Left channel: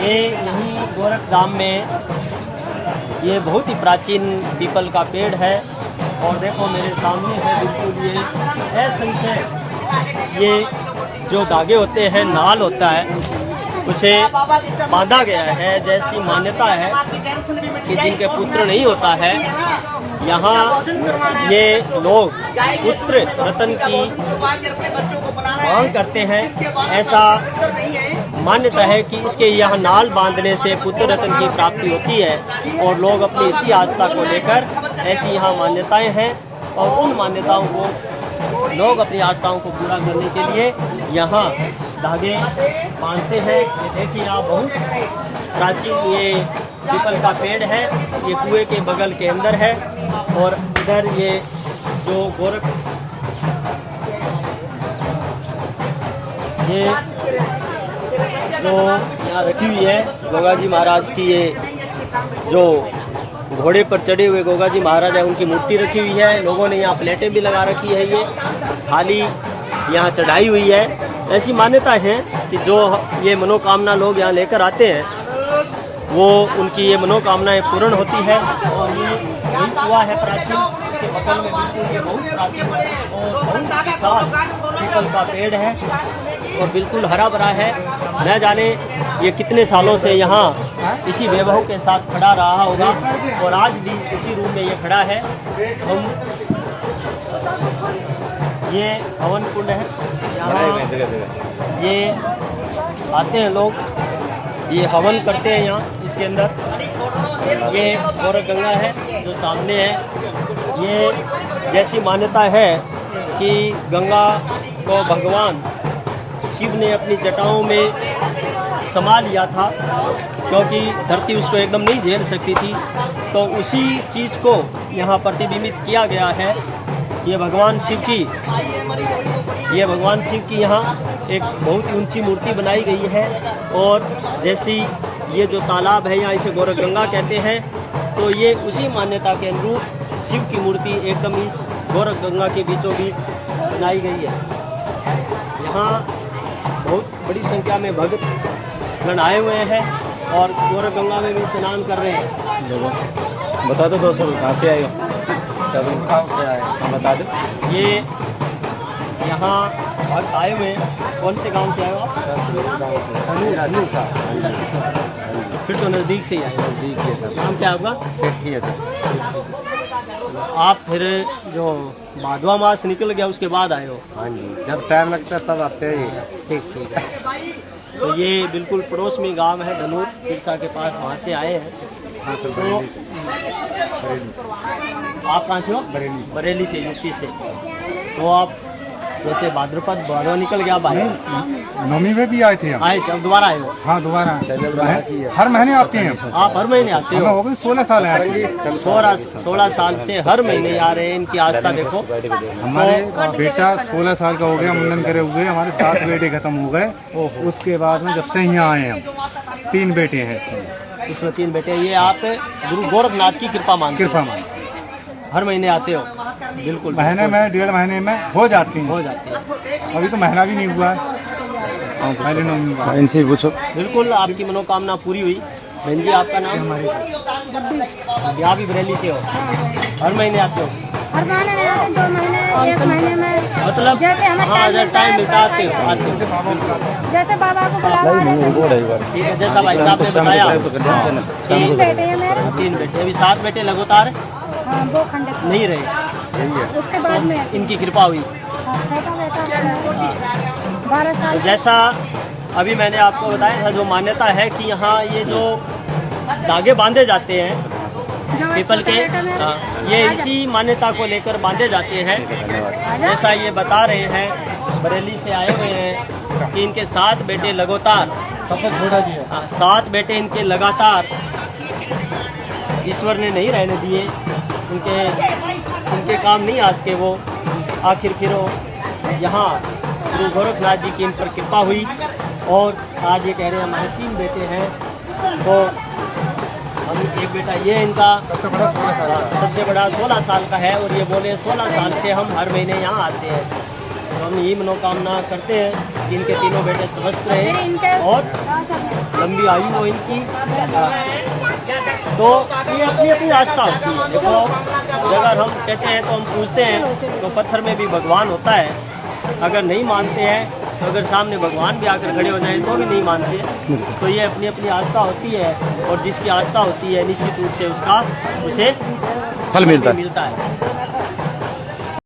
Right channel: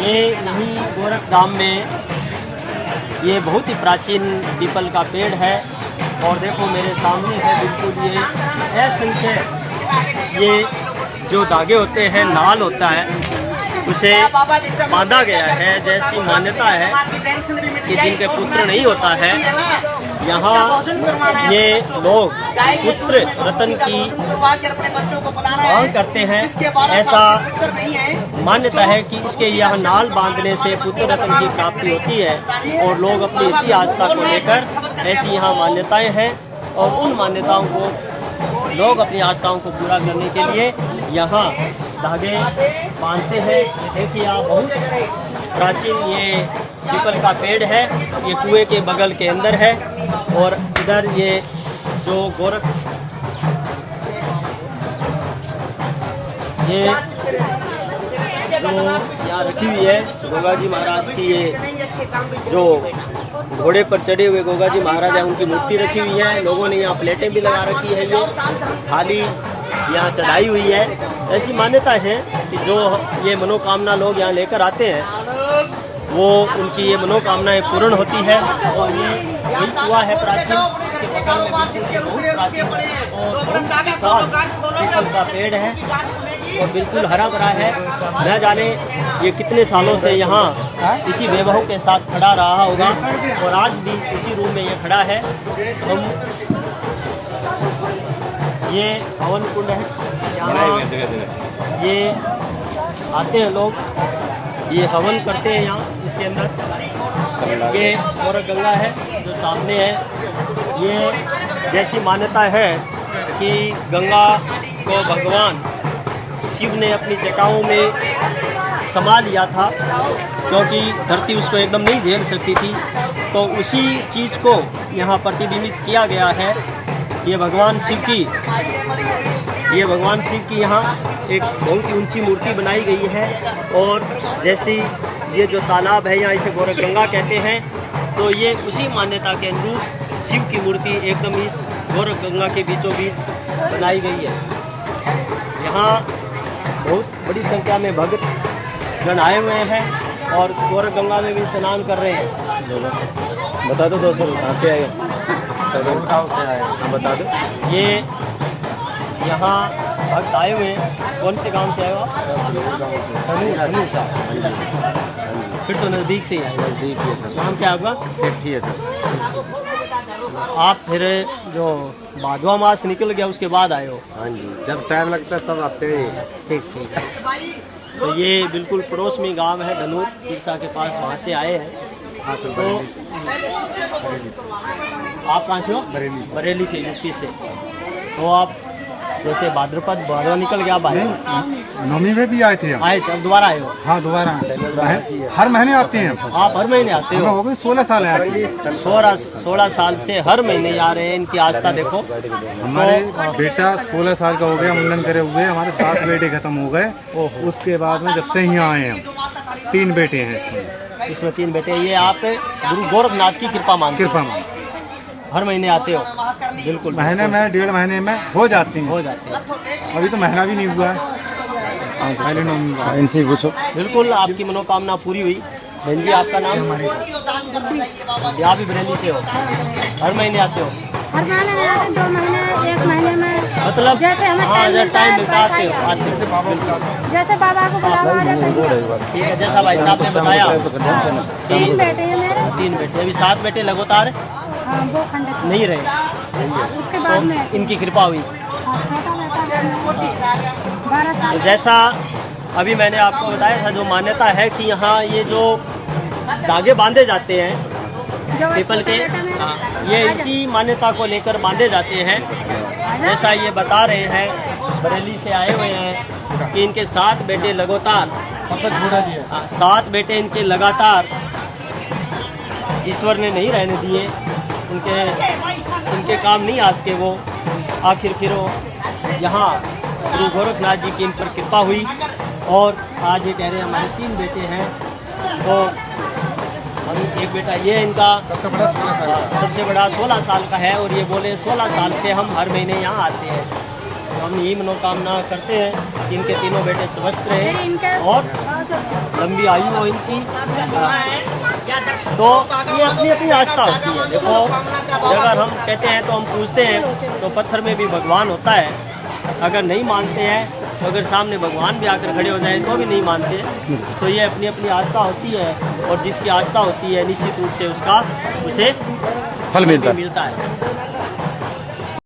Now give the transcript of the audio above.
ये यहीं गोरख धाम में ये बहुत ही प्राचीन पीपल का पेड़ है और देखो मेरे सामने है बिल्कुल ये असंख्य ये जो धागे होते हैं, नाल होता है, उसे बांधा गया है। जैसी मान्यता है कि जिनके पुत्र नहीं होता है, यहाँ ये लोग पुत्र रतन की मांग करते हैं। ऐसा मान्यता है कि इसके यहाँ नाल बांधने से पुत्र रतन की प्राप्ति होती है और लोग अपनी इसी आस्था को लेकर, ऐसी यहाँ मान्यताएं हैं और उन मान्यताओं को लोग अपनी आस्थाओं को पूरा करने के लिए यहाँ धागे बांधते हैं। देखिए यहाँ बहुत प्राचीन ये पीपल का पेड़ है, ये कुएं के बगल के अंदर है और इधर ये जो गोरख ये जो यहाँ रखी हुई है गोगा जी महाराज की, ये जो घोड़े पर चढ़े हुए गोगा जी महाराज है उनकी मूर्ति रखी हुई है। लोगों ने यहाँ प्लेटें भी लगा रखी है, ये थाली यहाँ चढ़ाई हुई है। ऐसी मान्यता है कि जो ये मनोकामना लोग यहाँ लेकर आते हैं वो उनकी ये मनोकामनाएं पूर्ण होती है। और ये वही कुआ है प्राचीन, इसके बगल में बिल्कुल ये बहुत प्राचीन और बहुत विशाल पीपल का पेड़ है और बिल्कुल हरा भरा है। न जाने ये कितने सालों से यहाँ इसी वैभव के साथ खड़ा रहा होगा और आज भी इसी रूम में ये खड़ा है। हम ये हवन कुंड है, यहाँ ये आते हैं लोग, ये हवन करते हैं यहाँ इसके अंदर। ये गोरख गंगा है जो सामने है। ये जैसी मान्यता है कि गंगा को भगवान शिव ने अपनी जटाओं में समा लिया था क्योंकि धरती उसको एकदम नहीं झेल सकती थी, तो उसी चीज़ को यहाँ प्रतिबिंबित किया गया है। ये भगवान शिव की यहाँ एक बहुत ही ऊंची मूर्ति बनाई गई है और जैसी ये जो तालाब है यहाँ इसे गोरख गंगा कहते हैं, तो ये उसी मान्यता के अनुरूप शिव की मूर्ति एकदम इस गोरख गंगा के बीचों बीच बनाई गई है। यहाँ बहुत बड़ी संख्या में भक्त गण आए हुए हैं और गोरख गंगा में भी स्नान कर रहे हैं। बता दो दोस्तों कहाँ से आएगा, गाँव से आए बता दो। ये यहाँ भक्त आए हुए हैं, कौन से गांव से आए हो आप? सर फिर तो नज़दीक से ही आए। नज़दीक है सर। नाम क्या आपका? सेठी है सर। आप फिर जो भादवा मास निकल गया उसके बाद आए हो? हाँ जी, जब टाइम लगता है तब आते हैं। ठीक ठीक है। तो ये बिल्कुल पड़ोस में गांव है धनूर तिरसा के पास, वहाँ से आए हैं। तो आप कहाँ से हो? बरेली से, यूपी से। तो आप जैसे भाद्रपद भादवा निकल गया बाहर, नवमी में भी आए थे हम। आए थे, अब दोबारा आए हो? हाँ दोबारा हर महीने आते हैं। आप हर महीने आते हो? हो गए 16 साल है। 16 साल से हर महीने आ रहे हैं। इनकी आस्था देखो। हमारे बेटा 16 साल का हो गया, मुंडन करे हुए। हमारे 7 बेटे खत्म हो गए। उसके बाद में जब से यहाँ आए हम 3 बेटे हैं इसमें 3 बेटे। ये आप गुरु गोरखनाथ की कृपा मानते हर महीने आते हो? बिल्कुल। महीने में 1.5 महीने में हो जाती हैं। अभी तो महीना भी नहीं हुआ है। इनसे पूछो। बिल्कुल आपकी मनोकामना पूरी हुई। बहन जी आपका नाम? यहाँ भी बरेली से हो? हर महीने आते हो? हर महीने में आते, 2 महीने 1 महीने में, मतलब हाँ जब टाइम मिलता आते हो? आज से बाबा को जैसे बाबा को बुलावा। ठीक है, जैसा भाई साहब ने बताया 3 बेटे, अभी 7 बेटे लगातार वो खंड नहीं रहे, उसके बाद में इनकी कृपा हुई। छोटा बेटा 12 साल। जैसा अभी मैंने आपको बताया था, जो मान्यता है कि यहाँ ये जो धागे बांधे जाते हैं पीपल के, ये इसी मान्यता को लेकर बांधे जाते हैं। जैसा ये बता रहे हैं, बरेली से आए हुए हैं कि इनके 7 बेटे लगातार, 7 बेटे इनके लगातार ईश्वर ने नहीं रहने दिए, उनके काम नहीं आज के वो। आखिर फिर यहाँ गुरु गोरखनाथ जी की इन पर कृपा हुई और आज ये कह रहे हैं हमारे 3 बेटे हैं। तो हम एक बेटा ये इनका सबसे बड़ा 16 साल का है और ये बोले 16 साल से हम हर महीने यहाँ आते हैं। तो हम यही मनोकामना करते हैं कि इनके तीनों बेटे स्वस्थ रहें और लंबी आयु हो इनकी। तो ये अपनी अपनी आस्था होती है। देखो अगर हम कहते हैं तो हम पूछते हैं तो पत्थर में भी भगवान होता है। अगर नहीं मानते हैं तो अगर सामने भगवान भी आकर खड़े हो जाए तो भी नहीं मानते। तो ये अपनी अपनी आस्था होती है और जिसकी आस्था होती है निश्चित रूप से उसका उसे फल मिलता है। है।